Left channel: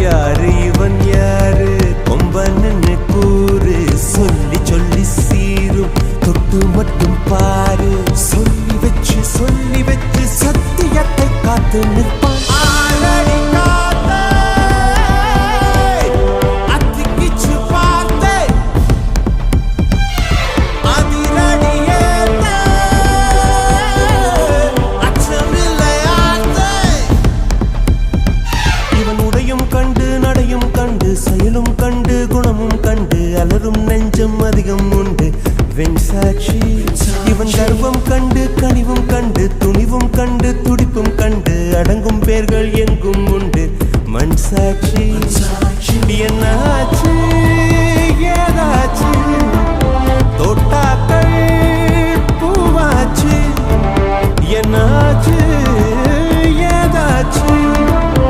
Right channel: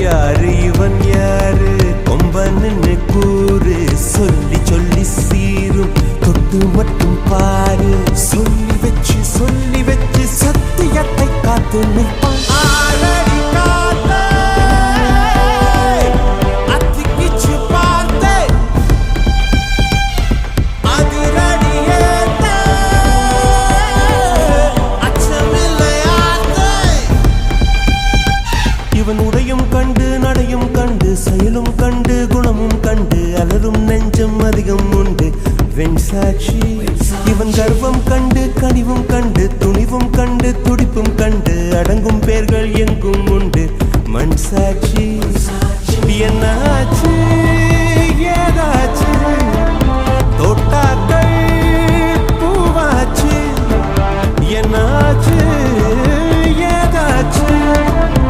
யாரு இவன் யாரு கொம்பன்னு கூறு சொல்லி சொல்லி சீரும் தொட்டு மட்டும் பாரு சொல்லி வச்சு சத்தியத்தை காத்து நிற்பான் ஆளடி காத்தே அத்திக்கிச்சு பார்த்தே அதிரடியேத்தே அச்சமில்லையாத்தே இவன் உடையும் கண்டு நடையும் கண்டு செயலும் கண்டு குணமும் கண்டு அலரும் நெஞ்சம் அதிகம் உண்டு வெண் சாட்சி இவன் கர்வம் கண்டு கனிவும் கண்டு துணிவும் கண்டு துடிப்பும் கண்டு அடங்கும் பேர்கள் எங்கும் உண்டு மண் சாட்சி என்னாச்சு ஏதாச்சு தோட்டாக்கள் பூவாச்சு என்னாச்சு ஏதாச்சு